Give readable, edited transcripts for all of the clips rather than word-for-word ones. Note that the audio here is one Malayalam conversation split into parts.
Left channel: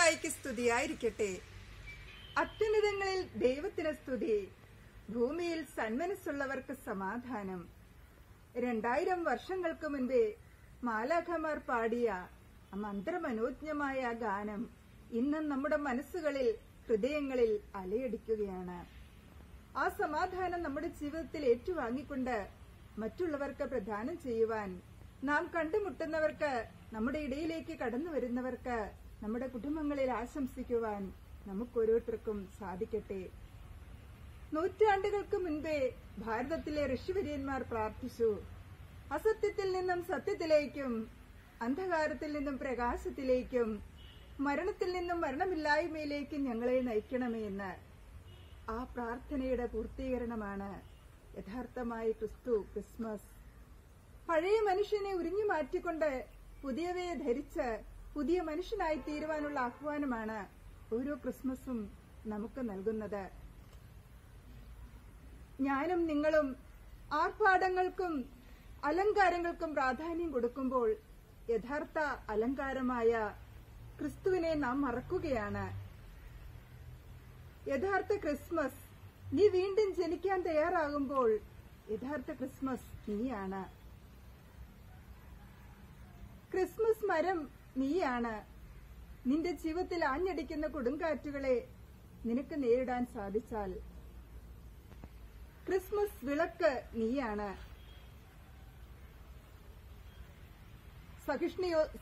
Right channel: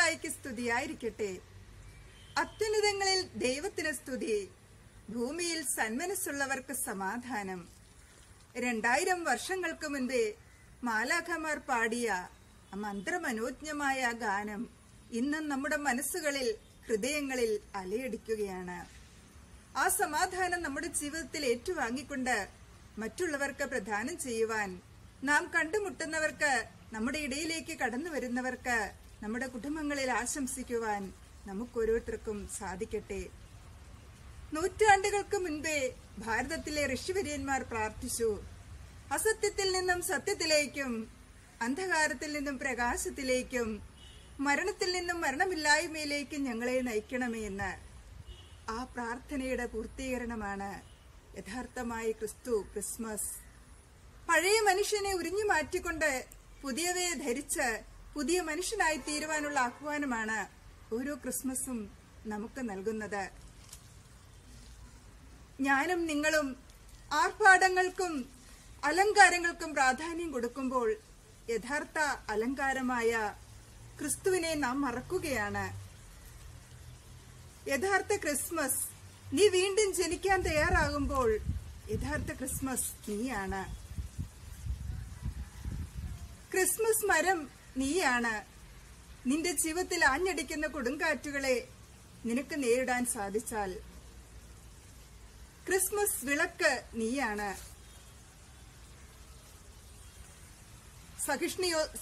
മിശിഹായ്ക്ക് സ്തുതിയായിരിക്കട്ടെ. അത്യുന്നതങ്ങളിൽ ദൈവത്തിന് സ്തുതി, ഭൂമിയിൽ സന്മനസ്സുള്ളവർക്ക് സമാധാനം. 2000 വർഷങ്ങൾക്ക് മുൻപേ മാലാഖമാർ പാടിയ മന്ത്രമനോജ്ഞമായ ഗാനം ഇന്നും നമ്മുടെ മനസ്സുകളിൽ, ഹൃദയങ്ങളിൽ അലയടിക്കുകയാണ്. ആ സമാധാനം നമ്മുടെ ജീവിതത്തിൽ ഏറ്റുവാങ്ങിക്കൊണ്ട് മറ്റുള്ളവർക്ക് പ്രദാനം ചെയ്യുവാൻ, നാം കണ്ടുമുട്ടുന്നവർക്ക്, നമ്മുടെ ഇടയിലേക്ക് കടന്നു വരുന്നവർക്ക്, നമ്മുടെ കുടുംബങ്ങളിൽ ആശംസിക്കുവാൻ നമുക്കോരോരുത്തർക്കും സാധിക്കട്ടെ. നൂറ്റാണ്ടുകൾക്ക് മുൻപേ ഭാരതത്തിലെ ഋഷിവര്യന്മാർ പ്രാർത്ഥിച്ചു, അസത്യത്തിൽ നിന്നും സത്യത്തിലേക്കും, അന്ധകാരത്തിൽ നിന്നും പ്രകാശത്തിലേക്കും, മരണത്തിൽ നിന്നും മരണമില്ലായ്മയിലേക്കും ഞങ്ങളെ നയിക്കണമേ എന്ന്. ആ പ്രാർത്ഥനയുടെ പൂർത്തീകരണമാണ് യഥാർത്ഥമായ ക്രിസ്മസ്. പഴയ മനുഷ്യനെ ഉരിഞ്ഞു മാറ്റിക്കൊണ്ട് പുതിയവയെ ധരിച്ച് പുതിയ മനുഷ്യനായി തീരുവാനുള്ള ആഹ്വാനമാണ് ഓരോ ക്രിസ്മസും നമുക്ക് നൽകുന്നത്. ഞാനും നിങ്ങളും ആർഭാടങ്ങൾക്കും അലങ്കാരങ്ങൾക്കും പ്രാധാന്യം കൊടുക്കുമ്പോൾ യഥാർത്ഥ അലങ്കാരമായ ക്രിസ്തുവിനെ നാം മറക്കുകയാണ്. യഥാർത്ഥ ക്രിസ്മസ്, നീ വീണ്ടും ജനിക്കാൻ തയ്യാറാകുമ്പോൾ യഥാർത്ഥ ക്രിസ്മസ് നീയാണ്. ക്രിസ്മസ് മരം നീയാണ്. നിന്റെ ജീവിതത്തിൽ ആഞ്ഞടിക്കുന്ന കൊടുങ്കാറ്റുകളെ നിനക്ക് നേരിടാൻ സാധിച്ചാൽ, ക്രിസ്മസ് വിളക്ക് നീയാണ്.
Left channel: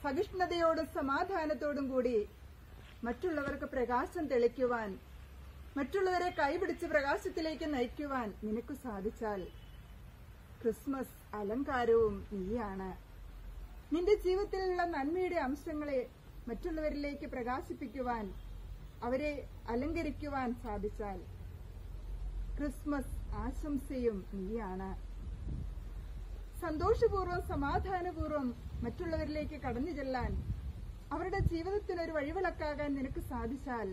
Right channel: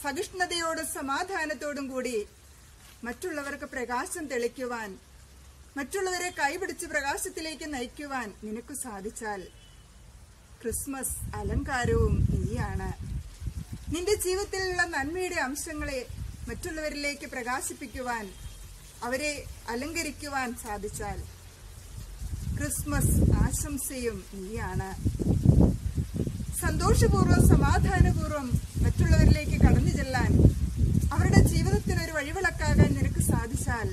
സഹിഷ്ണുതയോടും സമാധാനത്തോടും കൂടി മറ്റുള്ളവർക്ക് പ്രകാശം തെളിക്കുവാൻ, മറ്റുള്ളവരെ കൈപിടിച്ച് പ്രകാശത്തിലേക്ക് നയിക്കുവാൻ നിനക്ക് സാധിച്ചാൽ, ക്രിസ്മസ് അലങ്കാരവും നീയാണ്. നിന്റെ ജീവിതത്തിലുള്ള നന്മയുടെ അംശങ്ങളെ മറ്റുള്ളവരിലേക്ക് പ്രകാശിപ്പിക്കുവാൻ, അവരെ അലങ്കരിക്കുവാൻ സാധിച്ചാൽ, ക്രിസ്മസ് ആശംസയും നീയാണ്. സന്തോഷപൂർവ്വം സമാധാനപൂർവ്വം മറ്റുള്ളവരിലേക്ക് കടന്നു ചെല്ലാൻ, അവരുടെ ജീവിതത്തിനൊരു വഴിവിളക്കാകാൻ നിനക്ക് സാധിച്ചാൽ,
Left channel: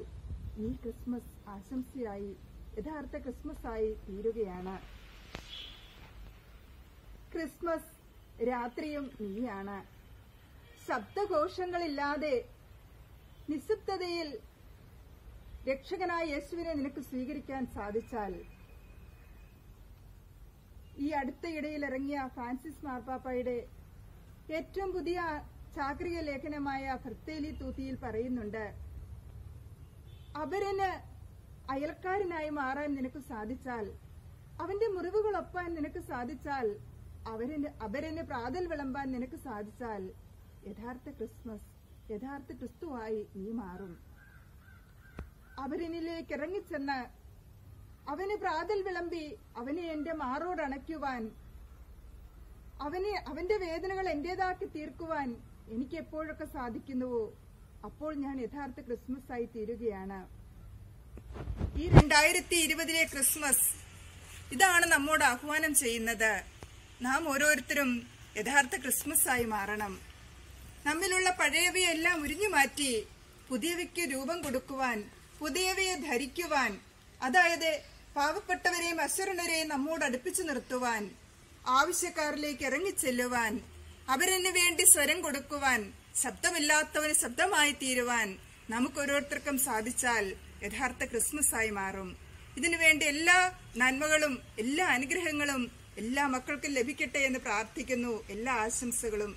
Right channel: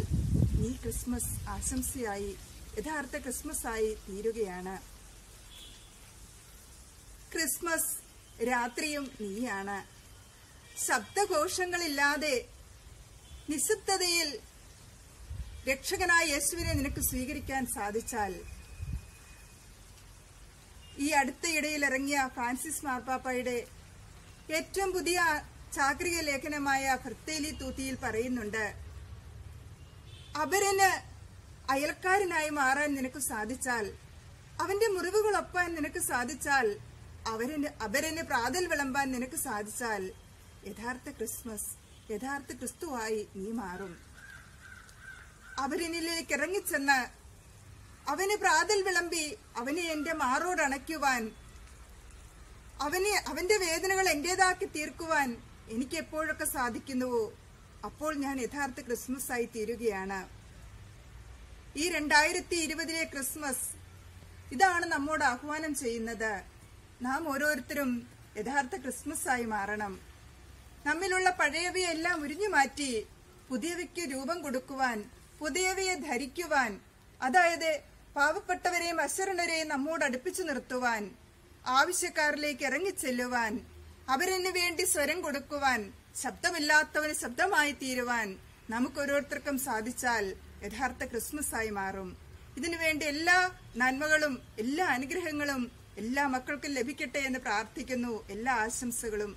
നീ ക്രിസ്മസ് ആശംസയായി, യഥാർത്ഥ ക്രിസ്മസ് ആയി തീരുകയാണ്. ക്രിസ്മസ് രാത്രിയും നീയാണ്. ശബ്ദഘോഷങ്ങളില്ലാതെ നിശബ്ദതയിൽ രക്ഷകനായ യേശുവിനെ നിനക്ക് സ്വീകരിക്കാൻ സാധിച്ചാൽ, ഈ അടുത്തയിടയിൽ ഇറങ്ങിയ ഫ്രാൻസിസ് മാർപ്പാപ്പയുടെ ഏറ്റവും പുതിയ ചാക്രിക ലേഖനമായ ഫ്രത്തേലി തൂത്തിയിൽ പറയുന്നുണ്ട്, അപരന് അയൽക്കാരനായി മാറാൻ നിനക്ക് സാധിച്ചാൽ, അവന്റെ മുറിവുകൾ ഒപ്പാൻ നിനക്ക് സാധിച്ചാൽ, അപരന് പ്രാതൽ വിളമ്പാൻ നിനക്ക് സാധിച്ചാൽ, യഥാർത്ഥ ക്രിസ്മസ്, യഥാർത്ഥ ക്രിസ്തുവായി നീ മാറും. അപരനിലേക്ക് ഇറങ്ങിച്ചെന്ന് അവന് പ്രാതൽ വിളമ്പി അവനെ എന്റെ മാറോട് അണയ്ക്കുവാൻ, അവന്റെ വേദനകൾ എന്റേതാക്കി തീർക്കുവാൻ എനിക്ക് എപ്പോഴൊക്കെ സാധിക്കുന്നുവോ അപ്പോൾ ഞാൻ യഥാർത്ഥ ക്രിസ്മസ് ആയി തീരുകയാണ്. ഈ 2020 ക്രിസ്മസ് ഇതാണ് നമ്മോട് ആഹ്വാനം ചെയ്യുന്നത്. നാം ഓരോരുത്തരും യഥാർത്ഥ ക്രിസ്മസ് ആയി മാറണം. നമ്മിലുള്ള പഴയവയെല്ലാം ഉരിഞ്ഞു മാറ്റി പുതിയവയ്ക്ക് രൂപം കൊടുക്കുവാൻ, പുതിയവയെ ധരിക്കുവാൻ, അതായത് പാവപ്പെട്ടവരെയും അശരണരെയും നമ്മോട് അടുപ്പിച്ചു നിർത്തുവാൻ, ആവശ്യക്കാരിലേക്ക് ഇറങ്ങിച്ചെല്ലുവാൻ, അവരന് വേണ്ടി സ്വരം കൊടുക്കുവാൻ, ശബ്ദമില്ലാത്തവന് ശബ്ദമായി തീരുവാൻ നമുക്ക് ഓരോരുത്തർക്കും സാധിച്ചാൽ യഥാർത്ഥ ക്രിസ്മസ് ആയി മാറും. ഇതിനുവേണ്ടി എല്ലാ നന്മകളും എല്ലാ അനുഗ്രഹങ്ങളും എല്ലാ മക്കൾക്കും ലഭിക്കട്ടെ എന്ന് പ്രാർത്ഥിക്കുന്നു. എല്ലാ ആശംസകളും